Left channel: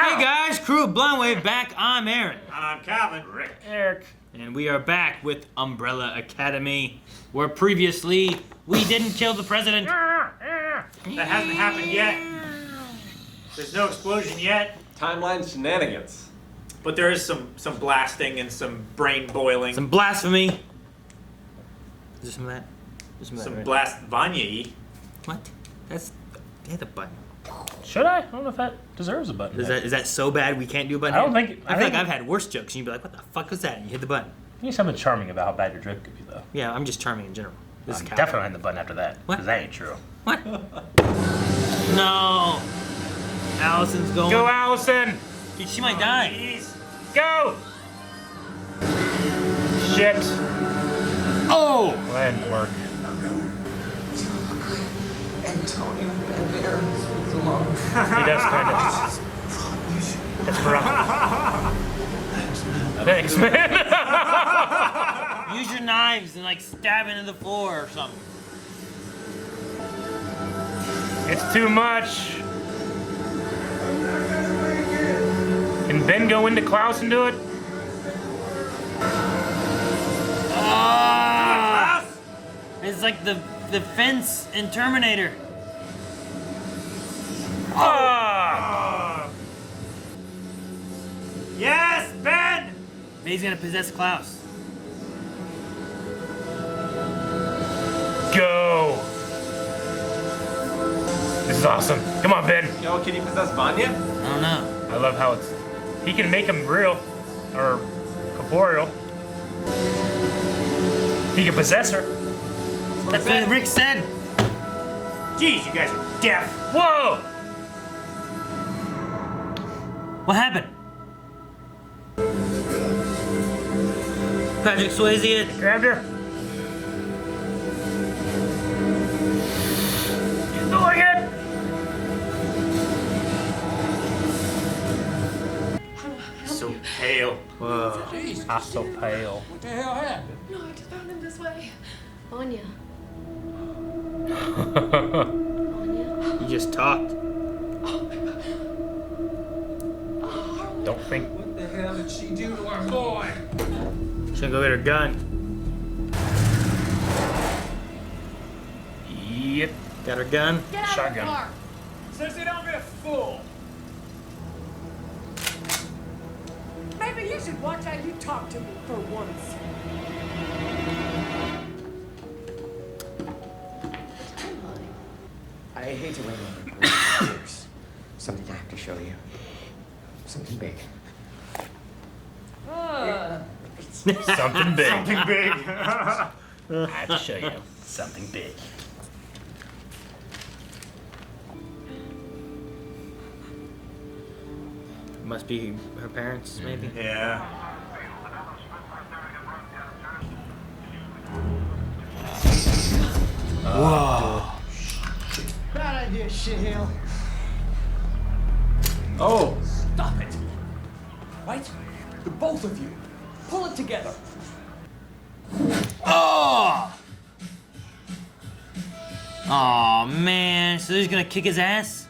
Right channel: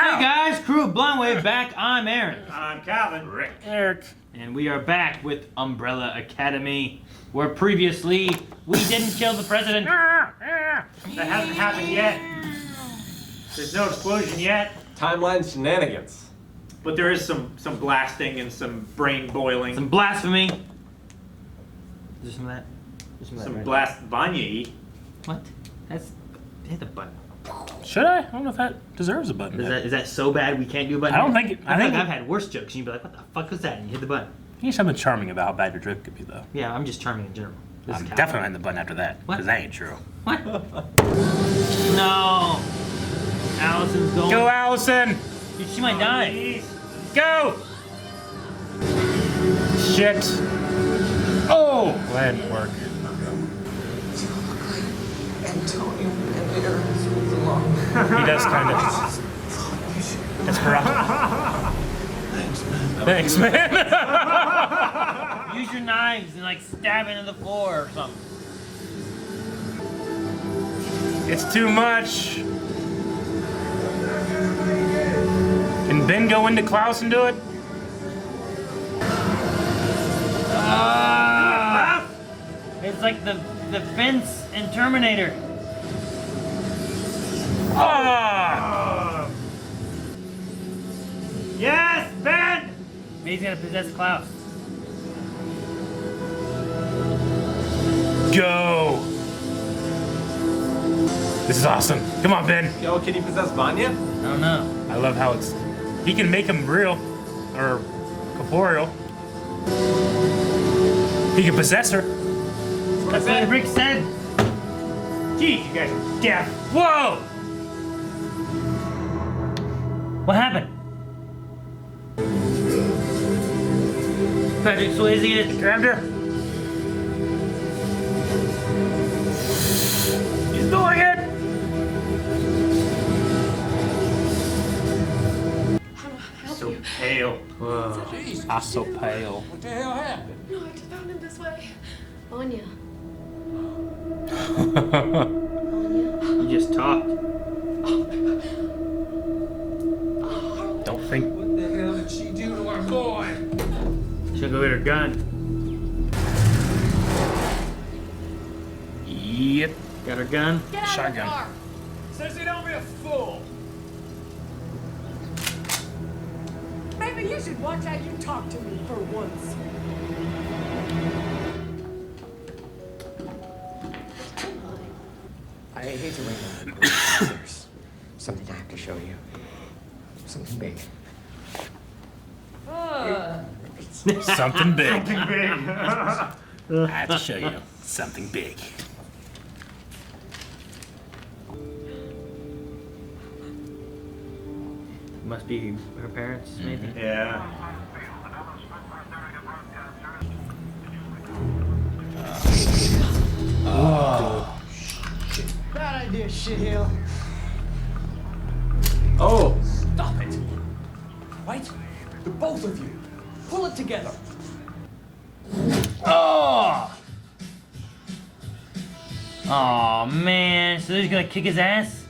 Hey guys, crew of Blindwave back. I'm Aaron. I'm Calvin. Eric. And we are back with Umbrella Academy, where previously we didn't kill the president. That hasn't happened yet. There's no explosion yet. Timeline shenanigans. But there is some blasting and some brain boiling. Some blasphemy. Is there some of that? Some blast Vanya. What? That's... hit the button. Should I? I don't know if that deserves a button. Is that so bad we can't do a button? I don't think it... I think I've had worse jokes and you'd be like, what the fuck was that? And you hit the button. There's something charming about how bad your drift could be, though. Yeah, I'm just charming in general. I'm definitely hitting the button after that. What? Because that ain't true. What? No. Allison's going. Go, Allison! Dude, she might die. Please. Go! Shit. Oh! Well, that didn't work. You look like Antonio Banderas with the long He does kind of. That's corrupt. Thanks, man. Use your knives and like stab into the floor or something. It's too much. Can Ben go into Klaus and do it? It's like the fence in Terminator. Yes, Ben! But he's gonna possess Klaus. Go! This is awesome. Come on, Ben. Yo, can you possess Vanya? I don't know. I love how it's... He can make him real. Or corporeal. He can possess her. That's what Rick said. Jeez, you guys are deaf. Whoa! What happened? Patrick Swayze. Grabbed her. He's doing it! So pale. Jeez, I'm so pale. what the hell happened? No, I just found him this way. Vanya. Vanya. You just talked. Harlan. Don't think. What the hell did she do to our boy? Should go get her gun. Yep. Got her gun. Get out of the Shotgun. car. Sissy, don't be a fool. Maybe you should watch how you talk to me for once. I hate to ring on you, but there's something I have to show you. Something big. Something big. Something big. I have to show you something big. Must be her parents, maybe. Yeah. Bad idea, shithill. Oh, Stop it! Right? The both of you. Pull it together. Oh! Aw, man. So he's gonna kick his ass?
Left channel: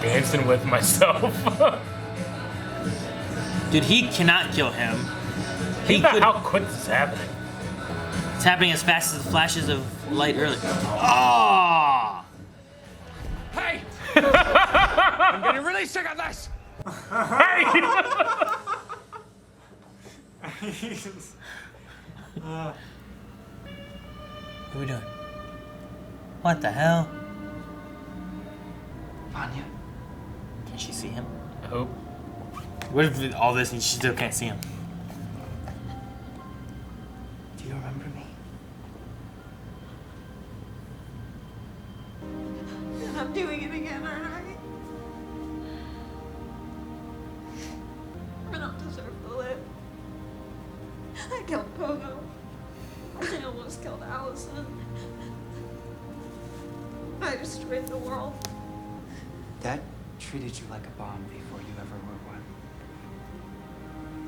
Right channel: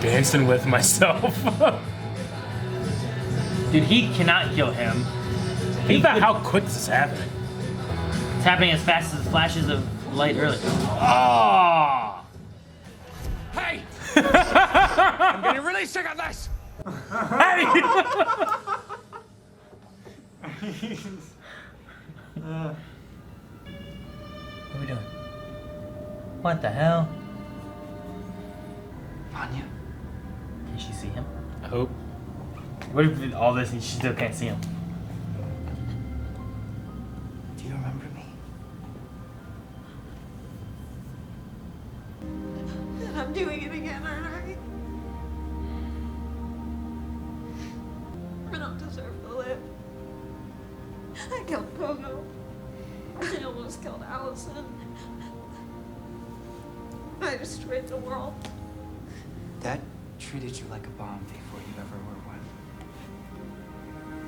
Dancing with myself. Dude, he cannot kill him. Think about how quick this is happening. It's happening as fast as flashes of light early. Oh! Hey! I'm getting really sick of this! Hey! What are we doing? What the hell? Vanya. Can she see him? I hope. What if all this and she still can't see him? Do you remember me? I'm doing it again, aren't I? I don't deserve to live. I killed Pogo. I almost killed Allison. I destroyed the world. Dad treated you like a bomb before you ever were one.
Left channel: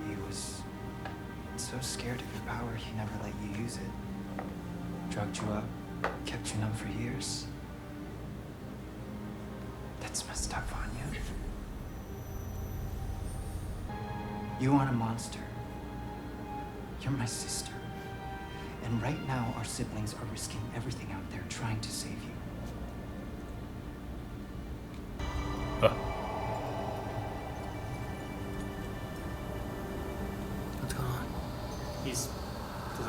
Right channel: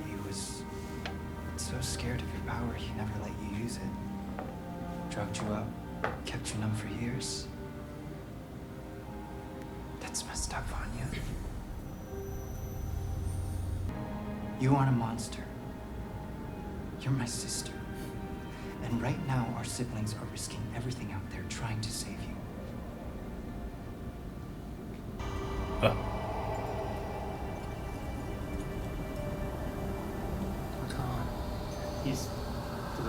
He was so scared of your power, he never let you use it. Drugged you up, kept you numb for years. That's messed up, Vanya. You aren't a monster. You're my sister. And right now, our siblings are risking everything out there trying to save you. What's going on? He's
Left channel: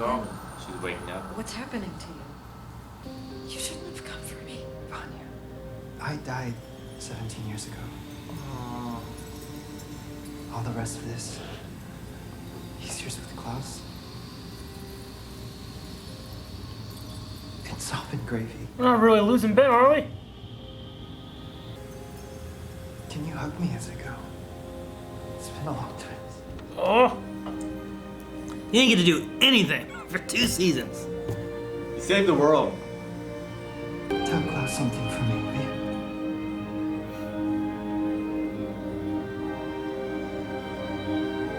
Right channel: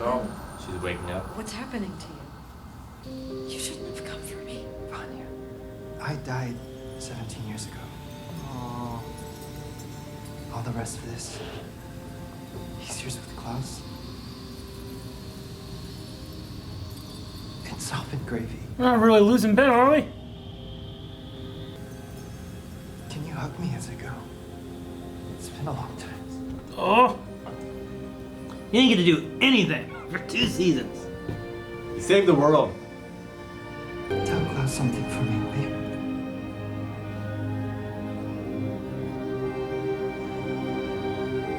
all. She's waking up. What's happening to you? You shouldn't have come for me. Vanya, I died 17 years ago. Aww. All the rest of this, these years with Klaus, it's all been gravy. We're not really losing Ben, are we? Can you hug me as I go? It's been a long time. Oh. You didn't get to do anything for 2 seasons. He saved the world. Tell Klaus something for me, will you?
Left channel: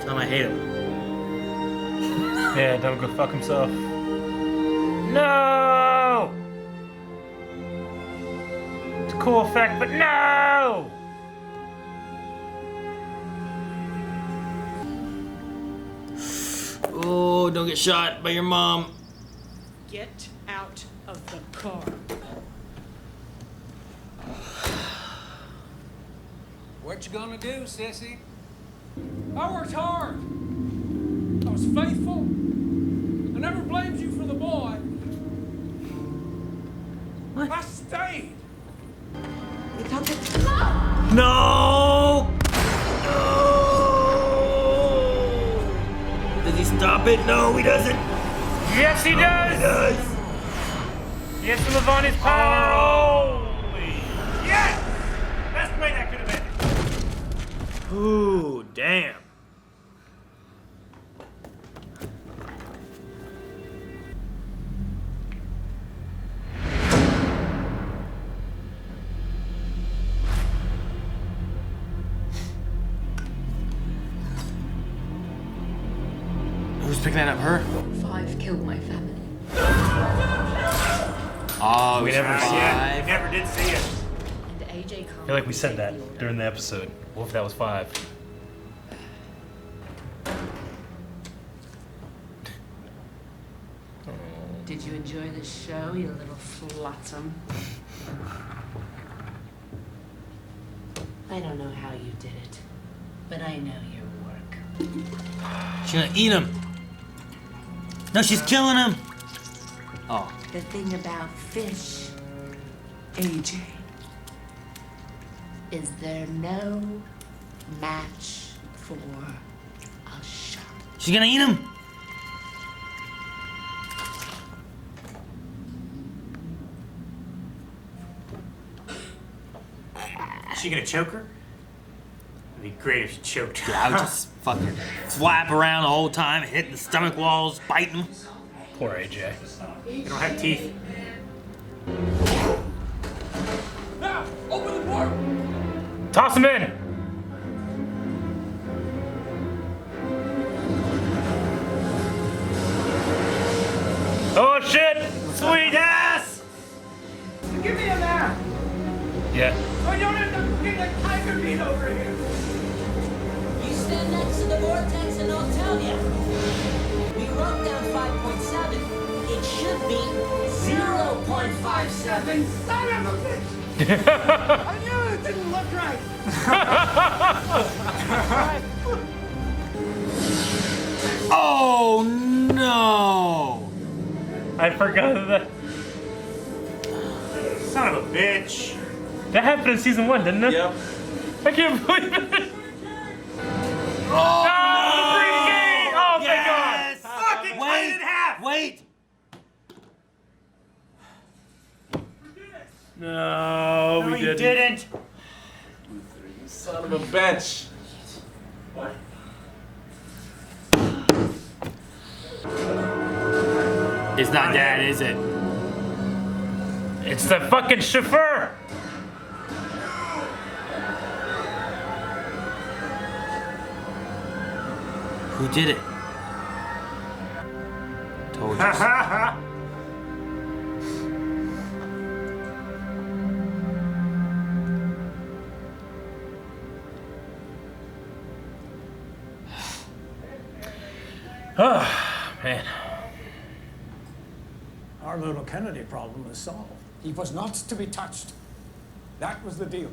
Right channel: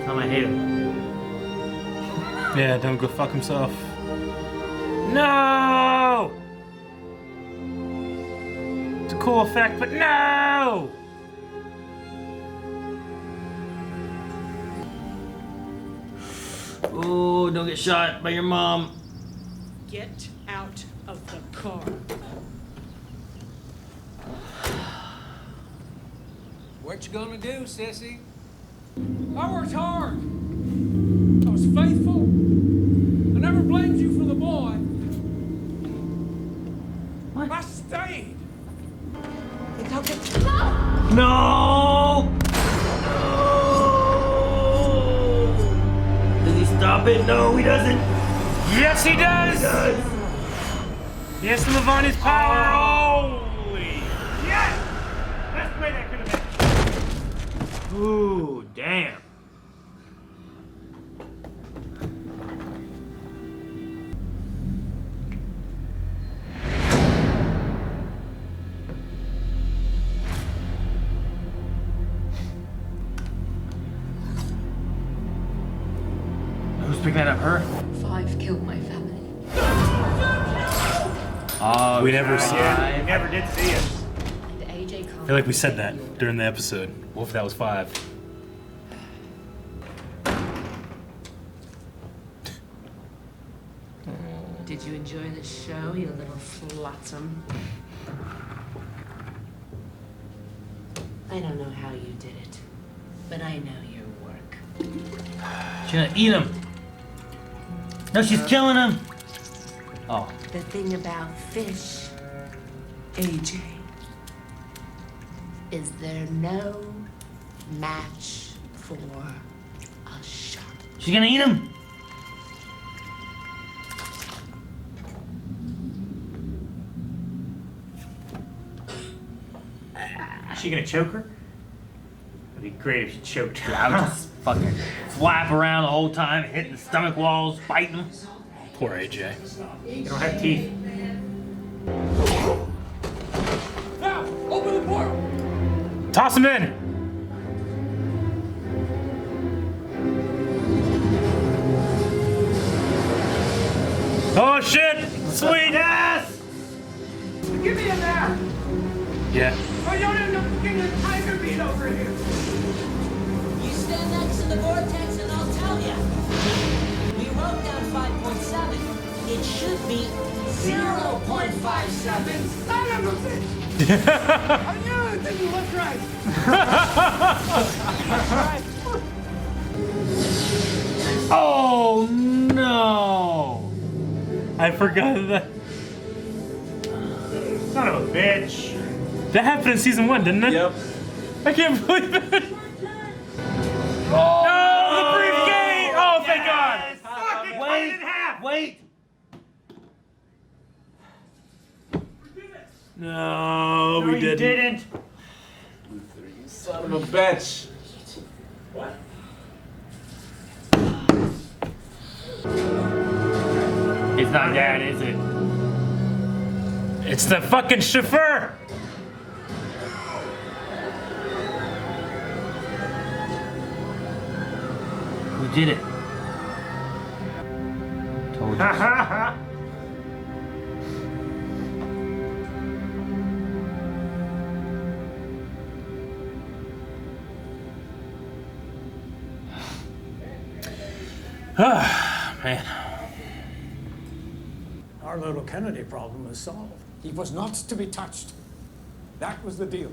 Tell him I hate him. Yeah, don't go fuck himself. No! It's a cool effect, but no! Oh, don't get shot by your mom. Get out of the car. What you gonna do, sissy? I worked hard. I was faithful. I never blamed you for the boy. What? I stayed. No! Does he stop it? No, he doesn't. Yes, he does! He does. Yes, to Vanya's power! Holy yes! Best way that could have been. Ooh, damn. Who's picking that up? Her? 5 killed my family. Oh, We never Yeah, we never did see it. And AJ can't. I feel like we said obey that the order. during the episode. What if that was 5? Did you enjoy the show, you little flotsam? I don't know how you did it, but I know your work. She's gonna eat him. No, she's killing him. Oh. The thing about fish, AJ, is they're no match for a shark. She's gonna eat him. Is she gonna choke her? It'd be great if she choked her. I would just fucking flap around the whole time, hitting the stomach walls, biting them. Poor AJ. You don't have teeth. Now, open the portal. Toss him in! Oh shit! Sweet ass! Give me a map. Yeah. So I don't end up looking like Tiger Beat over here. You stand next to the vortex and I'll tell you. We wrote down 5.7. It should be 0.57. Son of a bitch. I knew it didn't look right. Oh no! I forgot that. Son of a bitch. That happened in season 1, didn't it? Yep. I can't believe it. Oh, No, the briefcase! Oh, thank God! Fuck, they cut it in half. Wait! No, No, we you didn't. Son of a bitch. What? It's not Dad, is it? It's the fucking chauffeur! Who did it? Told Ha us. ha ha. Man. Our little Kennedy problem is solved. He was not to be touched. That was the deal.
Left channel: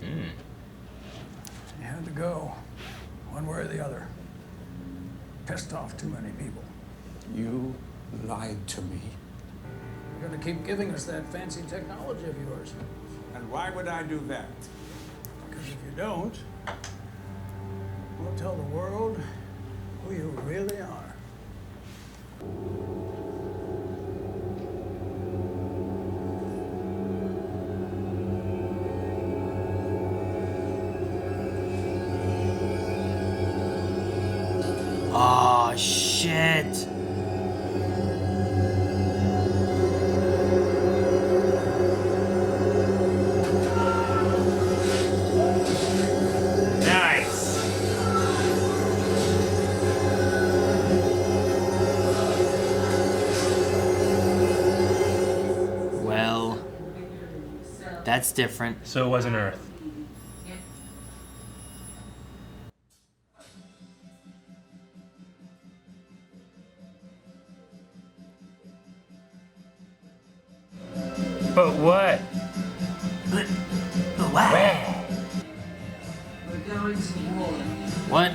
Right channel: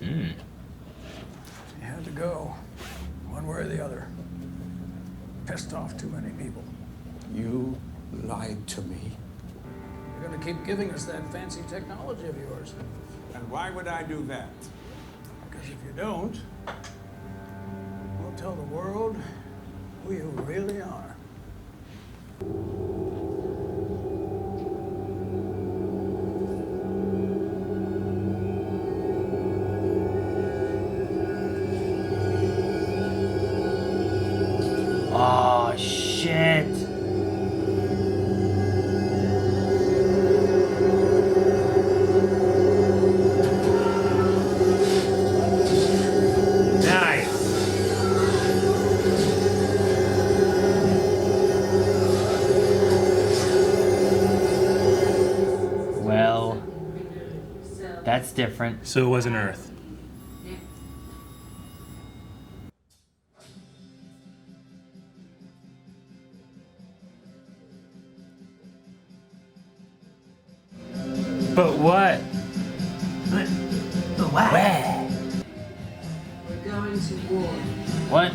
He had to go, one way or the other. Pissed off too many people. You lied to me. You're gonna keep giving us that fancy technology of yours. And why would I do that? Because if you don't, we'll tell the world who you really are. Oh, shit. Nice. Well, that's different. So it wasn't Earth. But what? But what? We're going to war. What?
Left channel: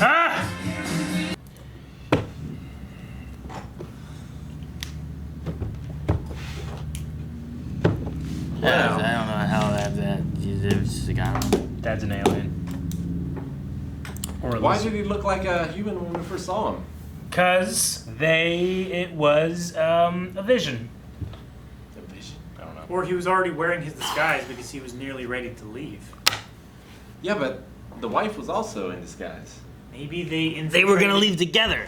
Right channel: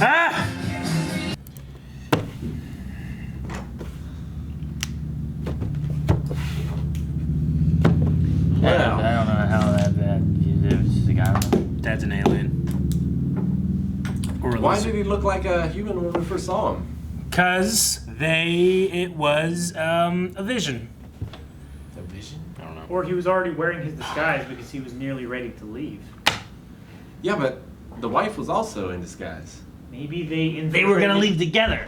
Ah! I don't know how that was a guy. Dad's an alien. Or Why did he look like a human when we first saw him? Because it was a vision. The vision? I don't know. Or he was already wearing his disguise because he was nearly ready to leave. Yeah, but the wife was also in disguise. Maybe they They were gonna leave together.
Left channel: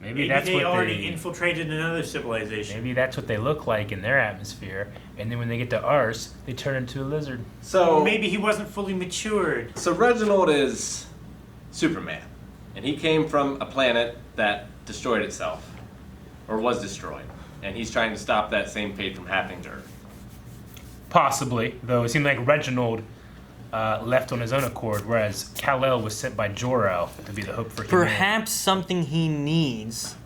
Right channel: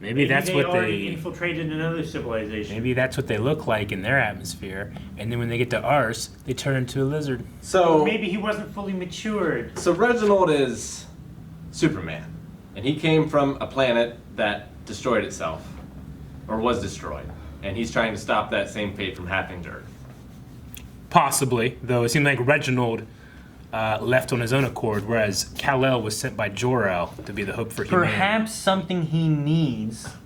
Maybe that's they what already infiltrated another civilization. Maybe that's what they look like in their atmosphere, and then when they get to ours, they turn into a lizard. So maybe he wasn't fully matured. So Reginald is Superman, and he came from a planet that destroyed itself, or was destroyed, and he's trying to stop that same fate from happening to Earth. Possibly, though it seemed like Reginald left on his own accord, whereas Kal-El was sent by Jor-El to be the hope for humanity. Perhaps something he needs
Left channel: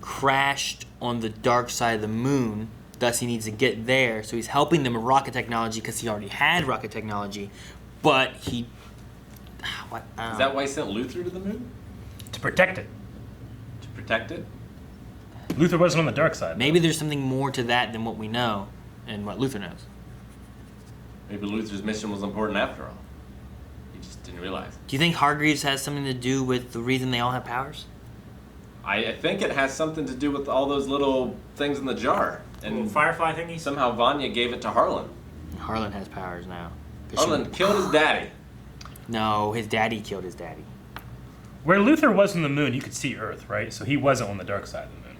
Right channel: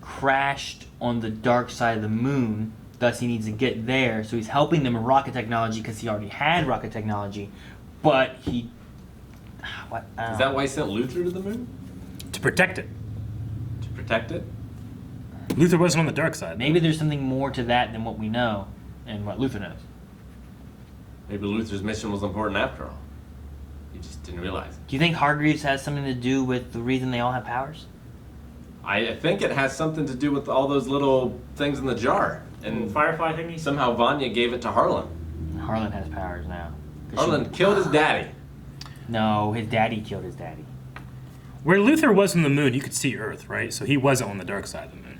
crashed on the dark side of the moon, thus he needs to get there, so he's helping them with rocket technology because he already had rocket technology, but he... What? Is that why he sent Luther to the moon? To protect it. To protect it? Luther wasn't on the dark side. Maybe there's something more to that than what we know and what Luther knows. Maybe Luther's mission was important after all. He just didn't realize it. Do you think Hargreaves has something to do with the reason they all have powers? I think it has something to do with all those little things in the jar. And little firefly thingies? Somehow Vanya gave it to Harlan. Harlan has powers now. Harlan killed his daddy. No, his daddy killed his daddy. Where Luther was on the moon, you could see Earth, right? So he wasn't on the dark side of the moon.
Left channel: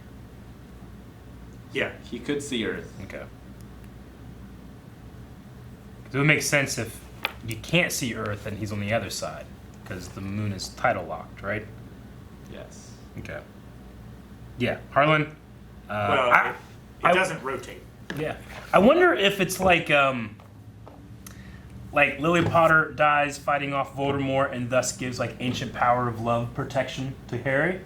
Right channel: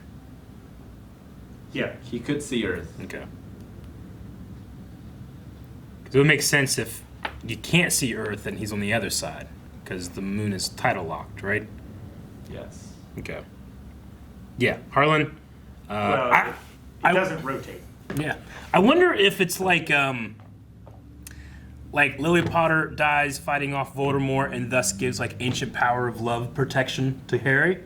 Yeah. He could see Earth. Okay. It would make sense if you can't see Earth and he's on the other side, because the moon is tidal locked, right? Yes. Okay. Yeah, Harlan. Well, it doesn't rotate. Yeah. I wonder if it's like Lily Potter dies fighting off Voldemort and thus gives like ancient power of love protection to Harry.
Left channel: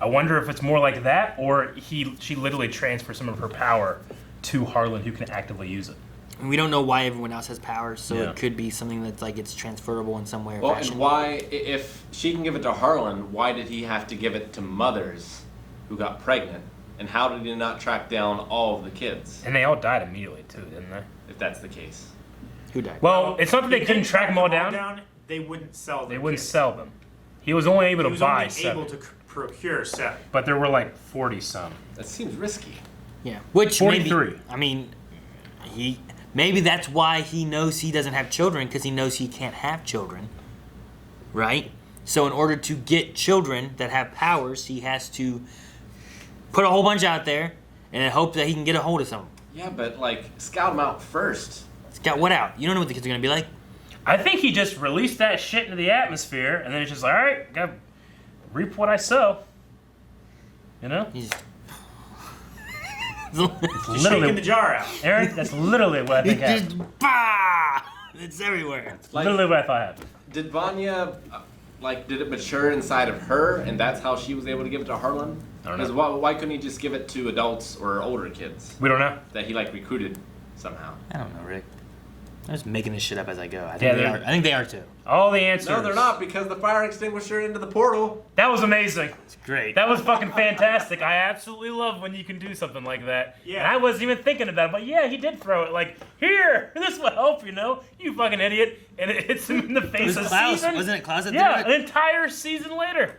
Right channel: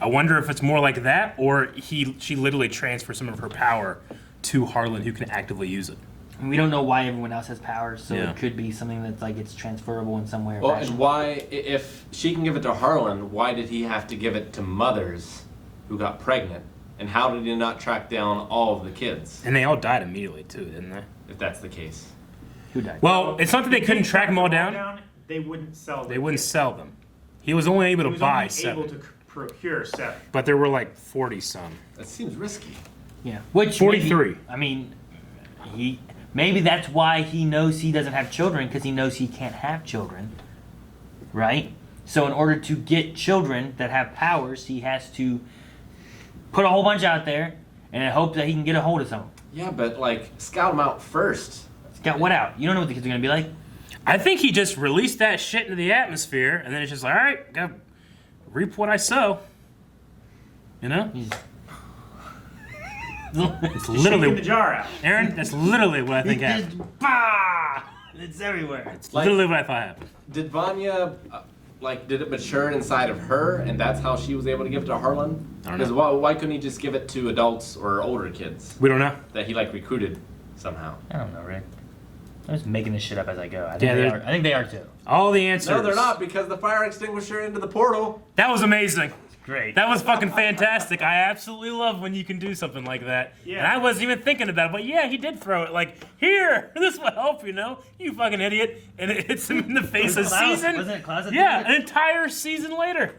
I wonder if it's more like that, or she literally transfers some of her power to Harlan, who can actively use it. And we don't know why everyone else has powers, so Yeah. it could be something that's like it's transferable in some way or Well, fashion. and why, if she can give it to Harlan, why did he have to give it to mothers who got pregnant? And how did he not track down all of the kids? And they all died immediately too, didn't they? If that's the case. Who died? Well, it's not that they couldn't track them all down. They wouldn't sell them. They wouldn't sell them. He was only able to buy 7. Able to procure 7. But there were like 40 some. That seems risky. Yeah, which 43. Maybe, I mean, maybe that's why he knows he doesn't have children, because he knows he can't have children, right? So in order to get children that have powers, he has to put a whole bunch out there and hope that he can get a hold of some. Yeah, but like scout them out first. Scout what out? You don't know what the kids are gonna be like. I think he just released that shit into the atmosphere, and then it's just like, all right, gotta reap what I sow. You know? Just shaking the jar out. Aaron, that's literally what I think Just, happened. bah! It's everywhere. Literally what I thought happened. Did Vanya, did it mature inside of her, and that's how she was able to give it to Harlan? I don't Because know. why couldn't he just give it to adults or older kids We don't know. that he recruited somehow? I don't know, Rick. I'm just making this shit up as I go. I think, Yeah, they they're- are. I think they are too. All the answers. No, they're not, because the fire extinguisher into the portal. That was amazing. It's great. That was fucking fantastic. I absolutely love when you can do something like that. Yeah. And I wasn't even thinking about it, but yeah, he did throw it. Here, this will help, you fucking idiot. And it hits him in the face a Klaus, season. wasn't it Klaus that Yeah, did it? an entire season later.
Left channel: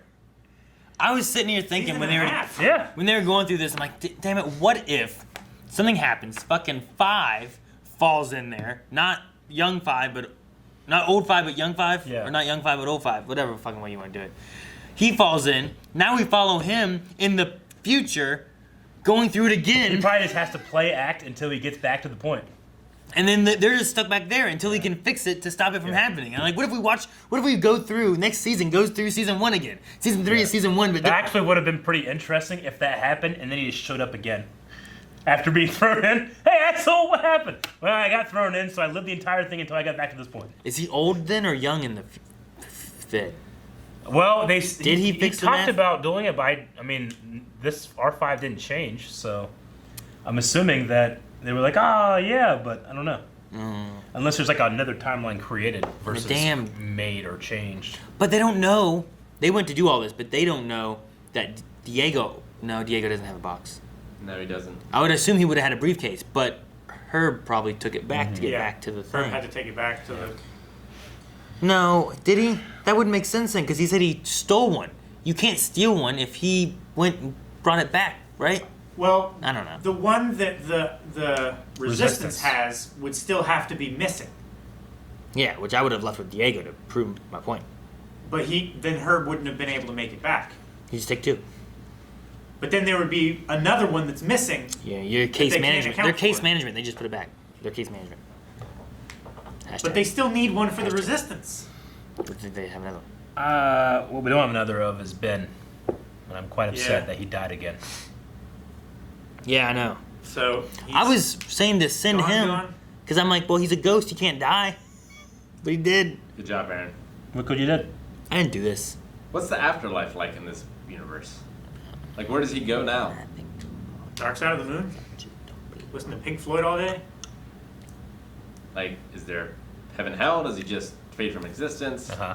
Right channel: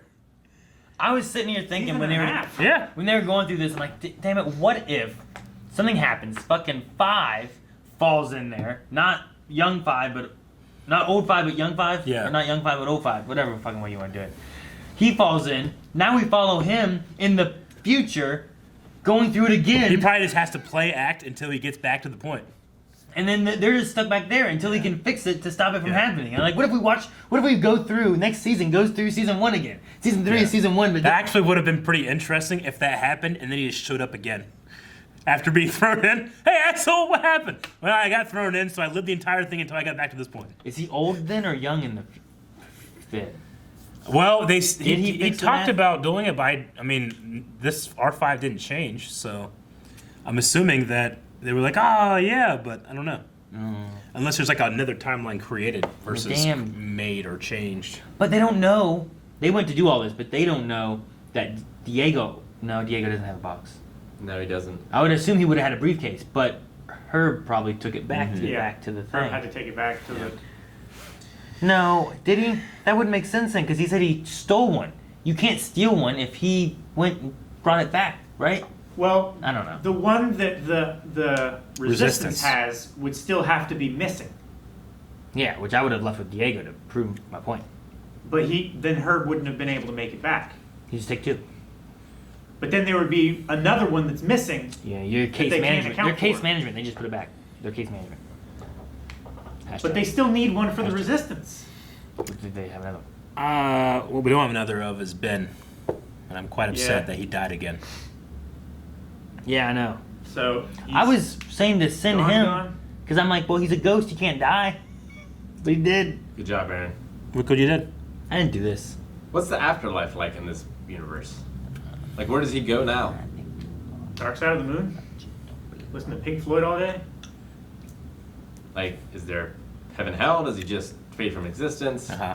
I was sitting here thinking Season when and they a were half. Yeah. when they were going through this, I'm like, damn it, what if something happens? Fucking 5 falls in there, not young 5, but not old 5, but young 5. Yeah. Or not young 5, but old 5. Whatever fucking way you want to do it. He falls in. Now we follow him in the future, going through it He again, probably just has to play act until he gets back to the point. and then they're just stuck back there until he can fix it to stop it from happening. And like, what if we go through next season, goes through season 1 again? Season 3 is season 1, but That actually would have been pretty interesting if that happened and then he just showed up again. After being thrown in, hey, I saw what happened. Well, I got thrown in, so I lived the entire thing until I got back to this point. is he old then or young in the fit? Well, he fix the talked math? about doing it, but this R5 didn't change, so I'm assuming that they were like, yeah, but I don't know. Unless there's another timeline created versus made or changed. But they don't know. They went to do all this, but they don't know that Diego doesn't have a box. No, he doesn't. I would assume he would have had a briefcase, but Herb probably took it back to get back to the thing. Herb had to take it back to the. No, did he? That wouldn't make sense then, because he said he stole one. You can't steal one if he went and brought it back, right? Well, I don't know. The one that the resistance Resistance. has would still have to be missing. Yeah, which I would have left with Diego to prove my point. But then Herb wouldn't have been able to make it back. You just take 2. But then there would be another one that's missing. Yeah, your case they can't management. account Their case for. management, they just put it back. Their case management. But they still need one for the resistance. I think they have another one. What we don't have another of is Ben. And I'm quite upset that he died again. Yeah, I know. So I was saying to send him because I'm like, well, he's a ghost. He can't die. But he did. Good job, Aaron. Look what you did. I didn't do this. What's the afterlife like in this universe? Where does he go now? Dark Side of the Moon. Listen to Pink Floyd all day. Is there heaven, hell? Does he just fade from existence? Uh-huh.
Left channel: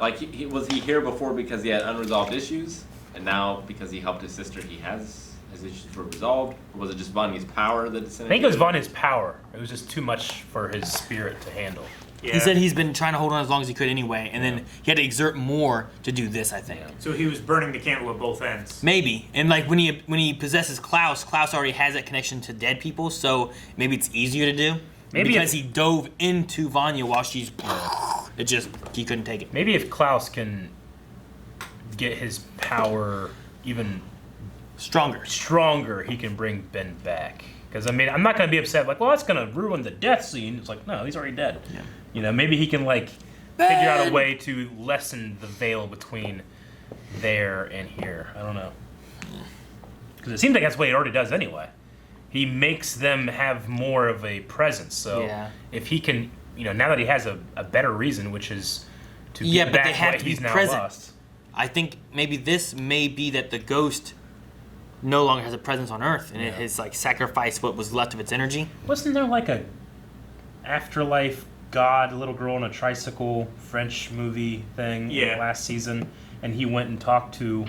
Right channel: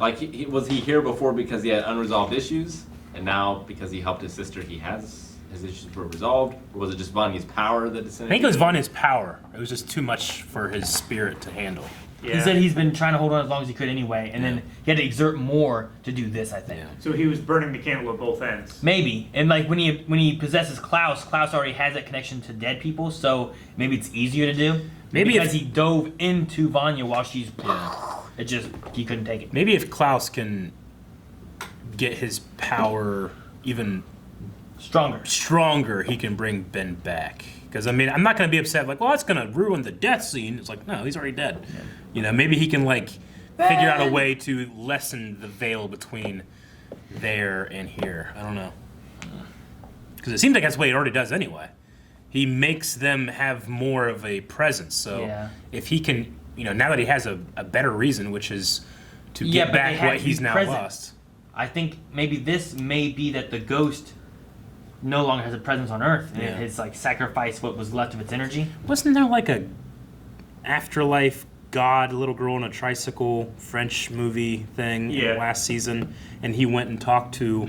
Was he here before because he had unresolved issues, and now because he helped his sister, his issues were resolved? Or was it just Vanya's power that I descended? think it was Vanya's power. It was just too much for his spirit to handle. Yeah. He said he's been trying to hold on as long as he could anyway, and then he had to exert more to do this, I think. So he was burning the candle at both ends. Maybe. And when he possesses Klaus already has that connection to dead people, so maybe it's easier to do. Maybe because he dove into Vanya while she's he couldn't take it. Maybe if Klaus can get his power even stronger, he can bring Ben back. Because I'm not going to be upset it's going to ruin the death scene. It's like, no, he's already dead. Yeah. Maybe he can figure out a way to lessen the veil between there and here. I don't know. Because it seems like that's what he already does anyway. He makes them have more of a presence. So if he can, now that he has a better reason, which is to get back what he's now lost. I think maybe this may be that the ghost no longer has a presence on Earth, and it has sacrificed what was left of its energy. Wasn't there a afterlife god, little girl on a tricycle French movie thing last season, and he went and talked to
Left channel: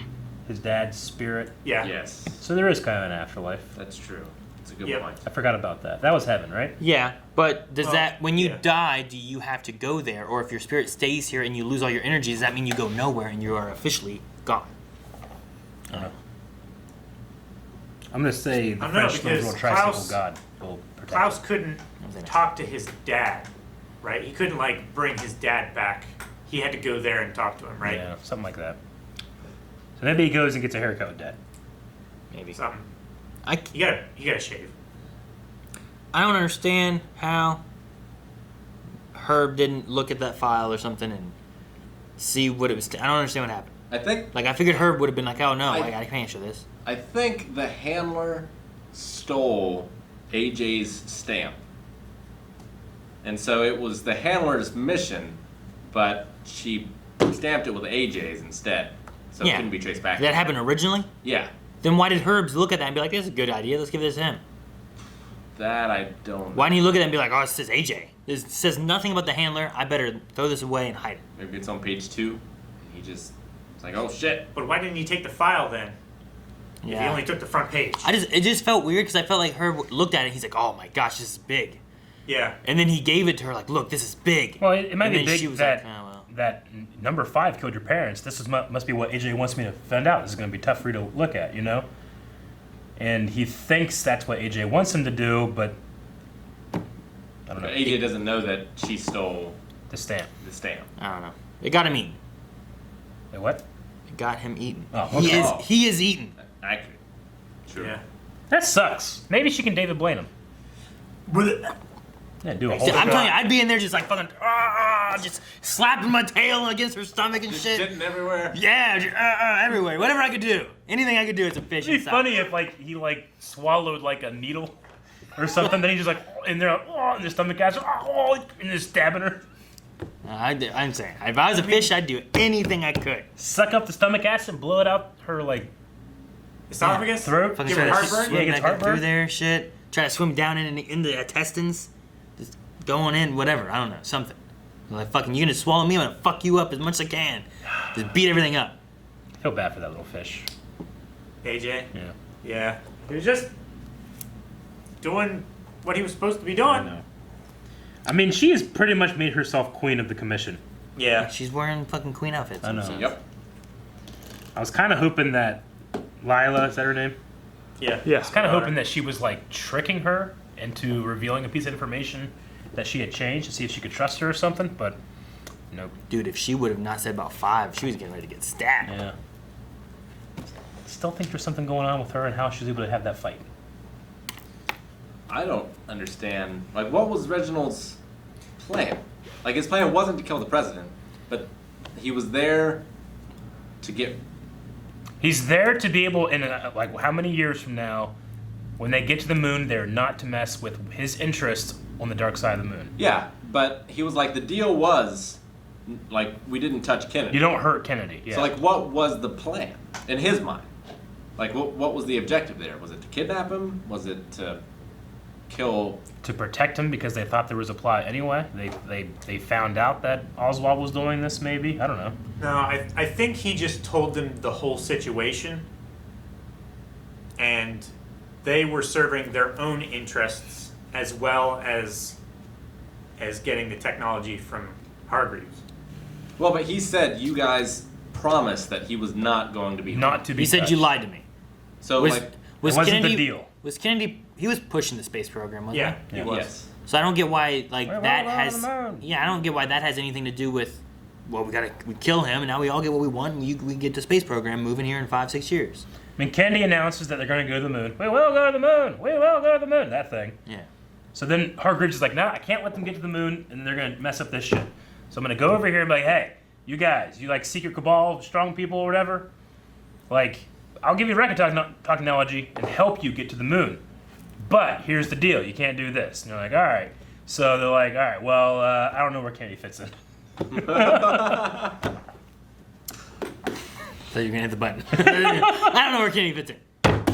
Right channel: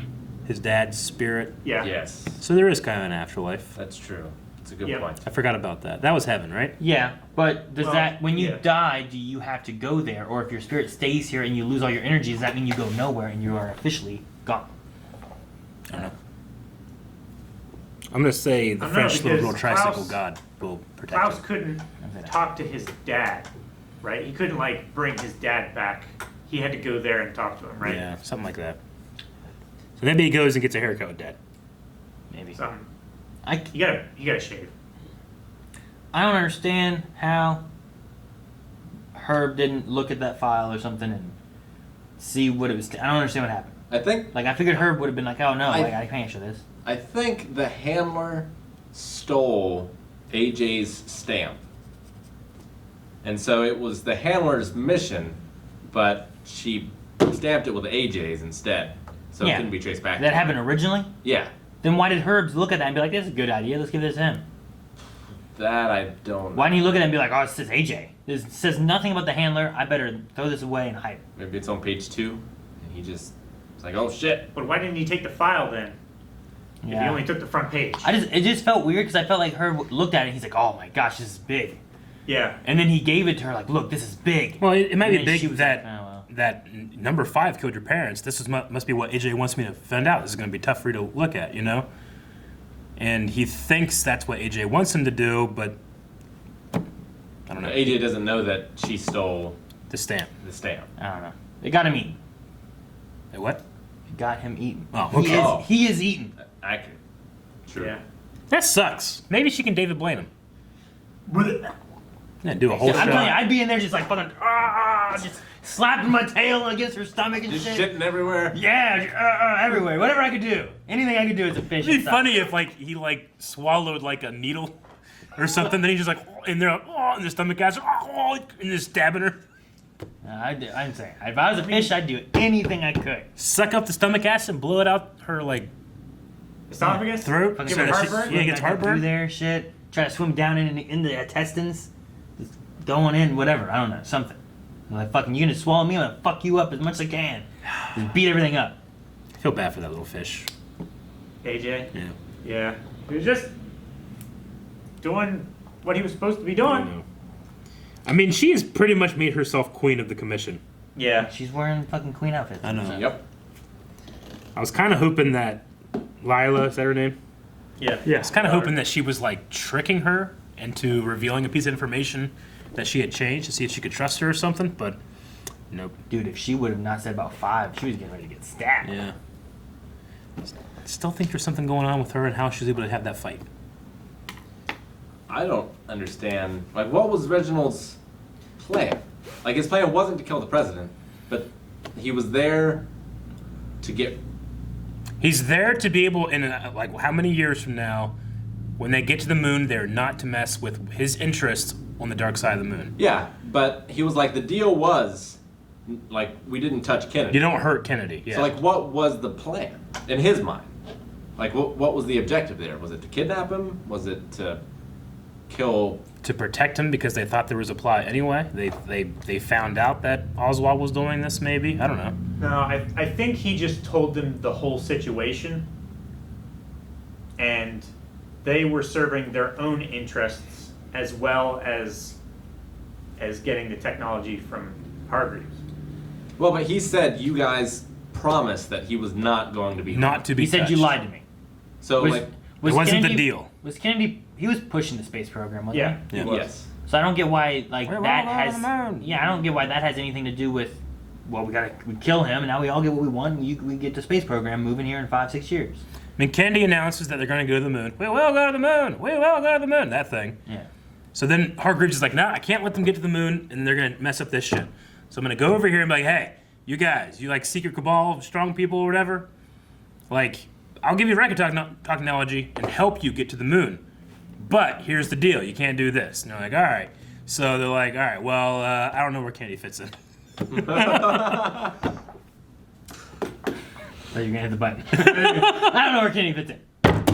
his dad's spirit? Yeah. Yes. So there is kind of an afterlife. That's true. That's a good point. I forgot about that. That was heaven, right? Yeah, but when you die, do you have to go there? Or if your spirit stays here and you lose all your energy, does that mean you go nowhere and you are officially gone? I don't know. I'm going to say the I don't know, French little girl because tricycle god will protect Klaus him. couldn't talk to his dad, right? He couldn't bring his dad back. He had to go there and talk to him, right? Yeah, something like that. So maybe he goes and gets a haircut with dad. Maybe. Something. You gotta shave. I don't understand how Herb didn't look at that file or something and see what it was. I don't understand what happened. I think. I figured Herb would have been like, "Oh no, I can't show this." I think the handler stole AJ's stamp. And so it was the handler's mission, but she stamped it with AJ's instead. So it couldn't be traced back. Did that happen originally? Yeah. Then why did Herbs look at that and be like, "This is a good idea. Let's give this to him"? That I don't. Why didn't he look at that and be like, "Oh, it says AJ. It says nothing about the handler. I better throw this away and hide it." Maybe it's on page 2. And he just, it's like, oh shit. But why didn't he take the file then? If he only took the front page. It just felt weird because I felt like Herb looked at it and he's like, "Oh my gosh, this is big." Yeah. And then he gave it to her like, "Look, this is big." Well, it might And be then big she was that like, "Oh, well." that number 5 killed your parents. This must be what AJ wants me to find out. This is going to be tough for you to look at, you know? And he thinks that's what AJ wants him to do, but I don't know. AJ doesn't know that she stole the stamp. The stamp. I don't know. It got him eaten. It what? It got him eaten. Oh, okay. He is eaten. Accurate. Sure. Yeah. That sucks. Maybe she can David Blaine him. Yeah, do a whole I'm telling you, I'd be in there just like fucking, just slapping my tail against her stomach and Just shit. shitting everywhere. Yeah, just, everywhere. Whatever I could do. Anything I could do as a fish. It'd be funny if he swallowed like a needle or something. Then he just like in there, in the stomach acid, and just stabbing her. I'm saying, if I was a fish, I'd do anything I could. Suck up the stomach acid, and blow it out her esophagus, throat. Fucking give her start heartburn. swimming Yeah, gets like heartburn. through there, shit. Try to swim down in the intestines, just going in, whatever. I don't know, something. Like fucking, you gonna swallow me? I'm gonna fuck you up as much as I can. Just beat everything up. I feel bad for that little fish. AJ. Yeah. Yeah. He was just doing what he was supposed to be doing. I mean, she has pretty much made herself queen of the commission. Yeah. She's wearing fucking queen outfits. I know. Yep. I was kind of hoping that Lila, is that her name? Yeah. I was kind of hoping that she was like tricking her into revealing a piece of information that she had changed to see if she could trust her or something, but nope. Dude, if she would have not said about 5, she was getting ready to get stabbed. Yeah. Still think there's something going on with her and how she was able to have that fight. I don't understand. Like, what was Reginald's plan? Like, his plan wasn't to kill the president, but he was there to get. He's there to be able, in like how many years from now, when they get to the moon, they're not to mess with his interest on the dark side of the moon. Yeah, but he was like, the deal was, like, we didn't touch Kennedy. You don't hurt Kennedy. Yeah. So, like, what was the plan in his mind? Like, what was the objective there? Was it to kidnap him? Was it to kill? To protect him because they thought there was a plot anyway. They found out that Oswald was doing this. Maybe, I don't know. No, I think he just told them the whole situation, and they were serving their own interests as well as getting the technology from Hargreaves. Well, but he said you guys promised that he was not going to be. Not to be. He said touched. you lied to me. So, Was like, It wasn't Kennedy, the deal. Was Kennedy? He was pushing the space program, wasn't Yeah, he? he was. yes. So I don't get why like We're that all on has. the moon. Yeah, I don't get why that has anything to do with. Well, we kill him, and now we all get what we want. And we get the space program moving here in 5-6 years. I mean, Kennedy announces that they're going to go to the moon. We will go to the moon. We will go to the moon. That thing. Yeah. So then Hargreaves is like, no, I can't let them get to the moon, and they're going to mess up this shit. So I'm going to go over here and be like, hey, you guys, you like secret cabal, strong people or whatever? Like, I'll give you record technology and help you get to the moon. But here's the deal. You can't do this. And they're like, all right. So they're like, all right, well, I don't know where Kennedy fits in. So you're gonna hit the button. I don't know where Kenny fits in.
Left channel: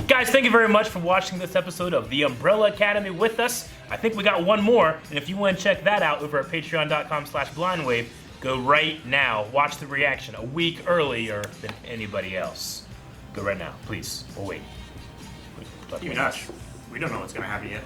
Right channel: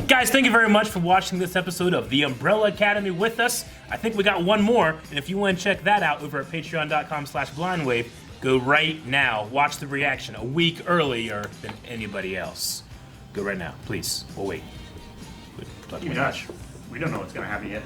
Guys, thank you very much for watching this episode of The Umbrella Academy with us. I think we got one more, and if you want to check that out over at patreon.com/blindwave, go right now. Watch the reaction a week earlier than anybody else. Go right now, please. We'll wait. Even us. We don't know what's going to happen yet.